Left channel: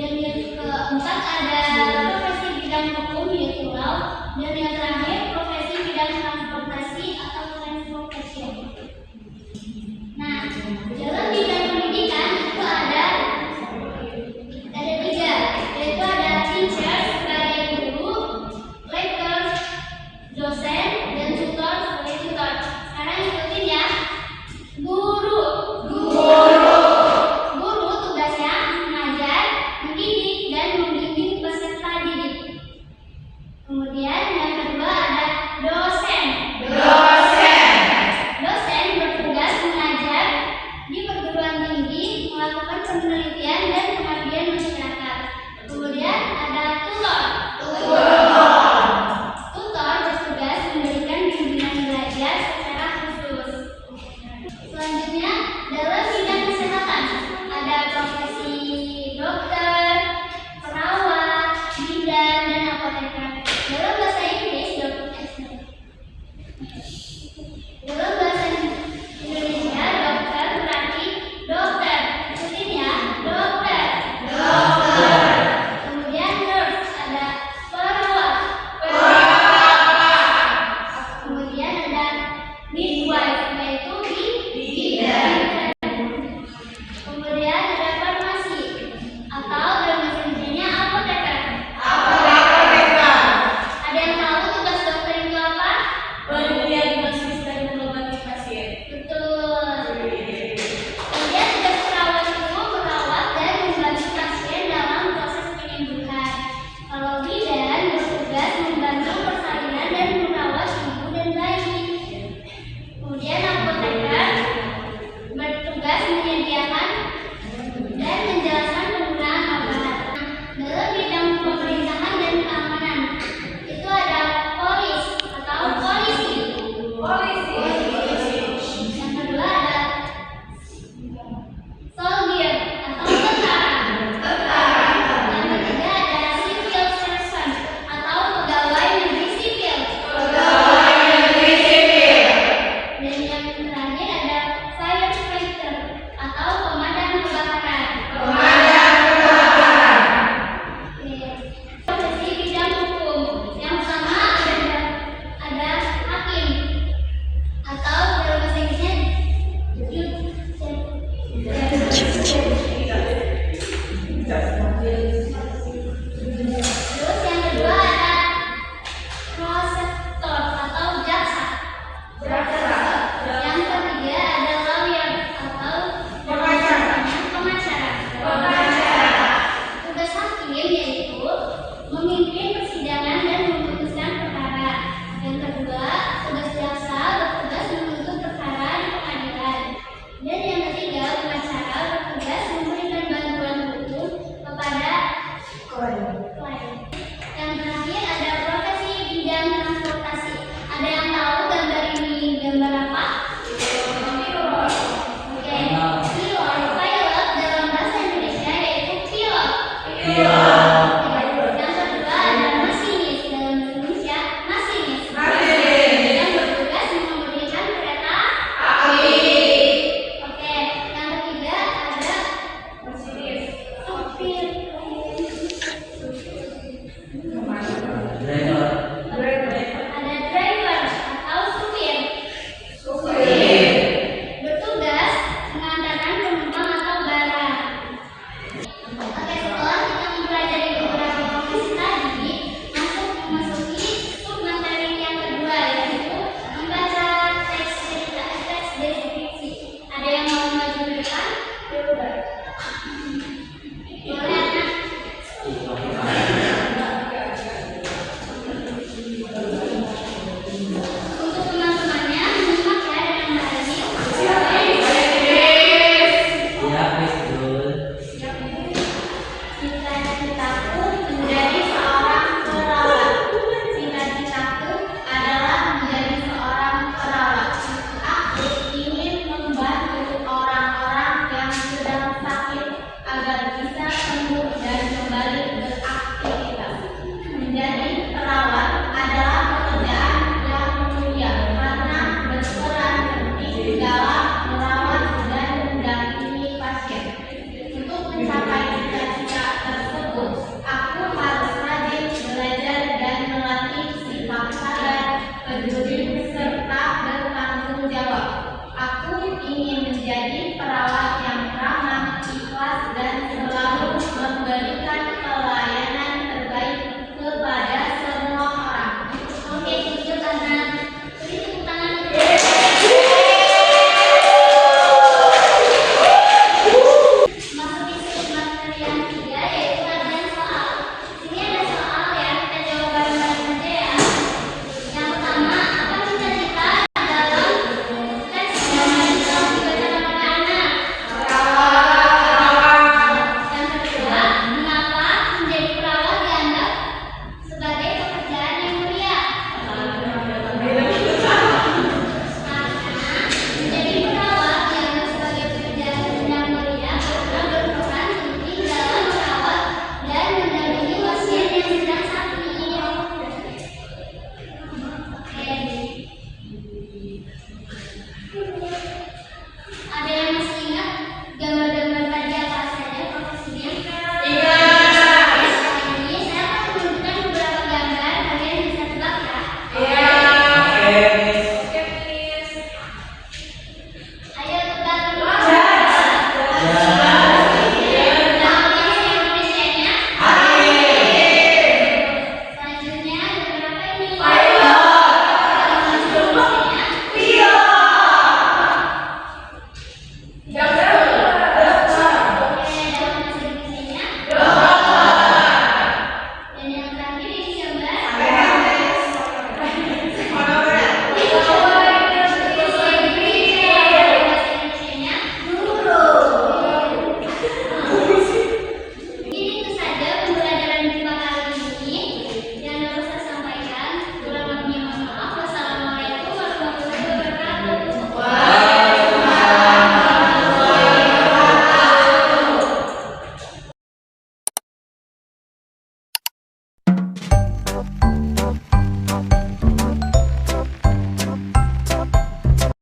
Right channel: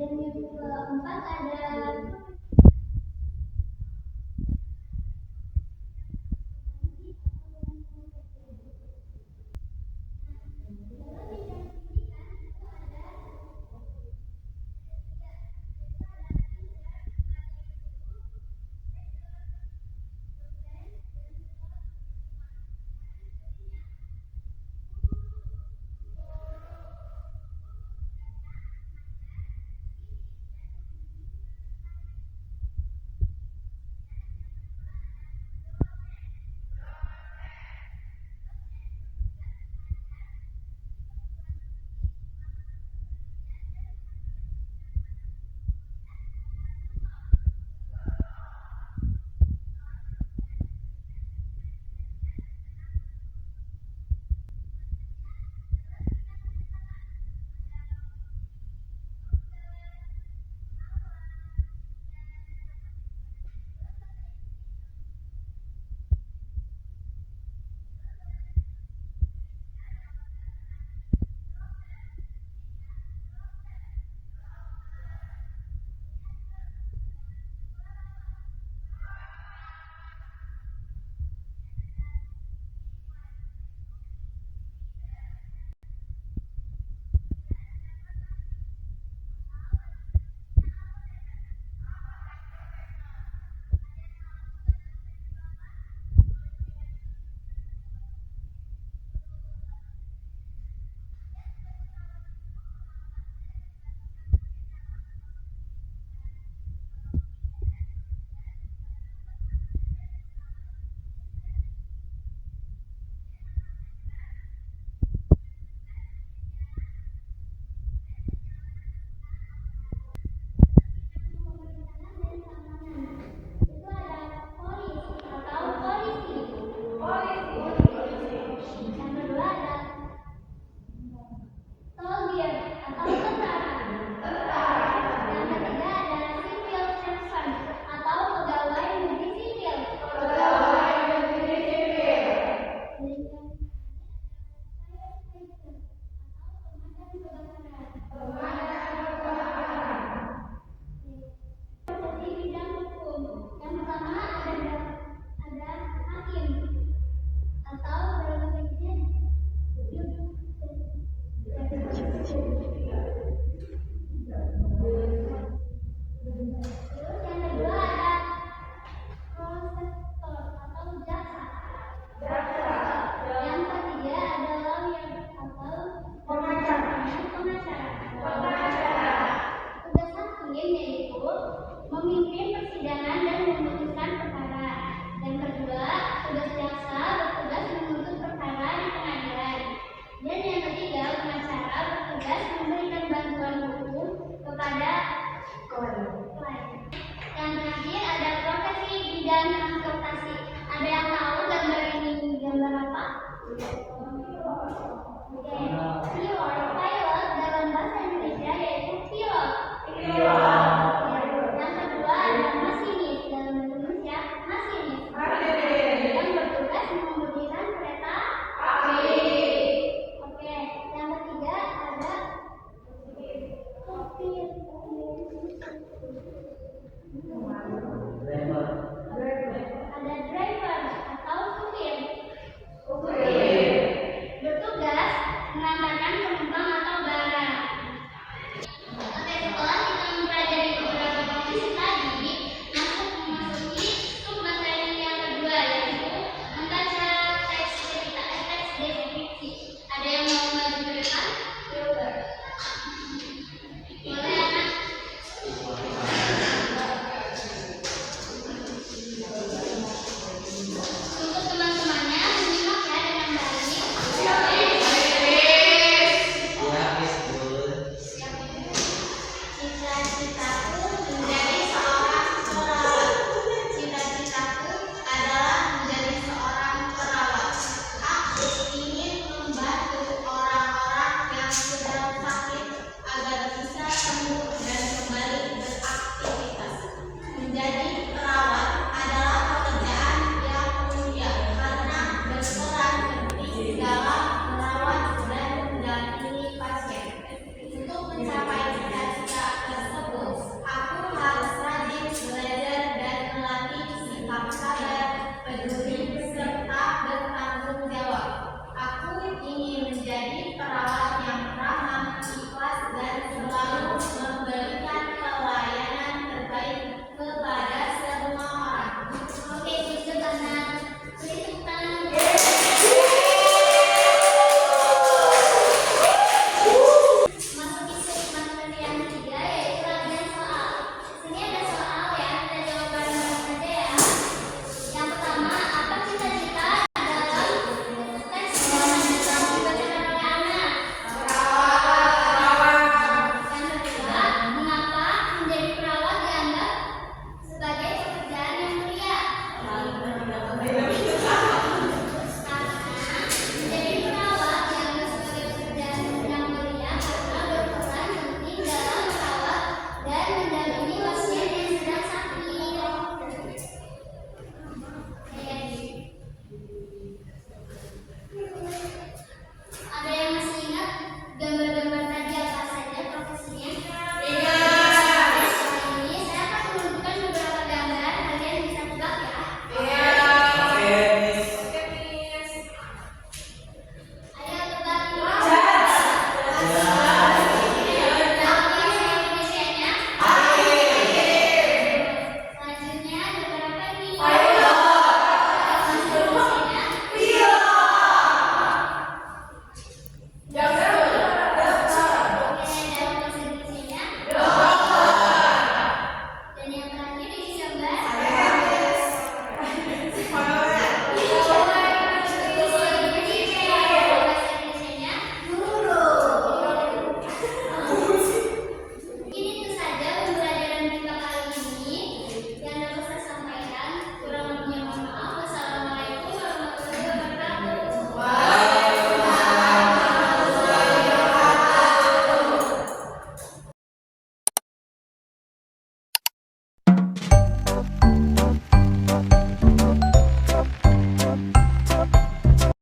Dan yang keempat ada profesi bidang hukum yaitu law. Dan yang terakhir profesi bidang transportasi atau transportation. Nah, dalam bidang pendidikan itu ada tiga, yaitu ada teacher sebagai guru, lecturer dosen, dan tutor sebagai tutor. Sekarang ikutin ya. Guru tugasnya mengajar, mendidik, dan membimbing peserta didik. Kemudian yang kedua ada dosen bertugas mengajar di perguruan tinggi, melakukan penelitian dan pengabdian masyarakat. Kemudian ada tutor bertugas memberikan bimbingan belajar secara khusus. Selanjutnya dalam bidang kesehatan ada profesi dokter, perawat, bidan, dan apoteker. Dalam bahasa Inggris Indonesia dokter berarti dokter. Ikutin ya, dokter. Kemudian nurse ada perawat. Kemudian ada midwife yaitu bidan. Kemudian ada farmasi atau dalam bahasa Indonesia apoteker. Ada yang tahu tugas dokter itu apa? Mendiagnosis dan mengobati pasien. Betul. Kemudian tugas perawat itu merawat dan membantu pasien dalam proses penyembuhan. Kalau bidan bertugas membantu persalinan dan merawat ibu dan bayi. Kemudian apoteker bertugas menyediakan dan menjelaskan penggunaan obat. Dalam bidang pemerintahan dan keamanan itu ada polis atau polisi. Yang kedua ada soldier atau tentara. Yang ketiga ada civil servant atau pegawai negeri sipil. Dan yang terakhir ada firefighter atau pemadam kebakaran. Profesi bidang hukum. Yang pertama ada hakim atau dalam bahasa Inggrisnya Terus yang kedua ada prosecutor atau jaksa. Yang ketiga ada lawyer atau pengacara. Tugas hakim yaitu memimpin persidangan dan memutuskan perkara. Yang kedua, tugas jaksa bertugas menuntut perkara di pengadilan. Dan yang ketiga, pengacara bertugas memberikan bantuan hukum kepada klien. Yang terakhir ada profesi bidang transportasi. Ada yang tahu gambar ini gambar apa? Oke, pilot dalam bahasa Indonesia yaitu pilot.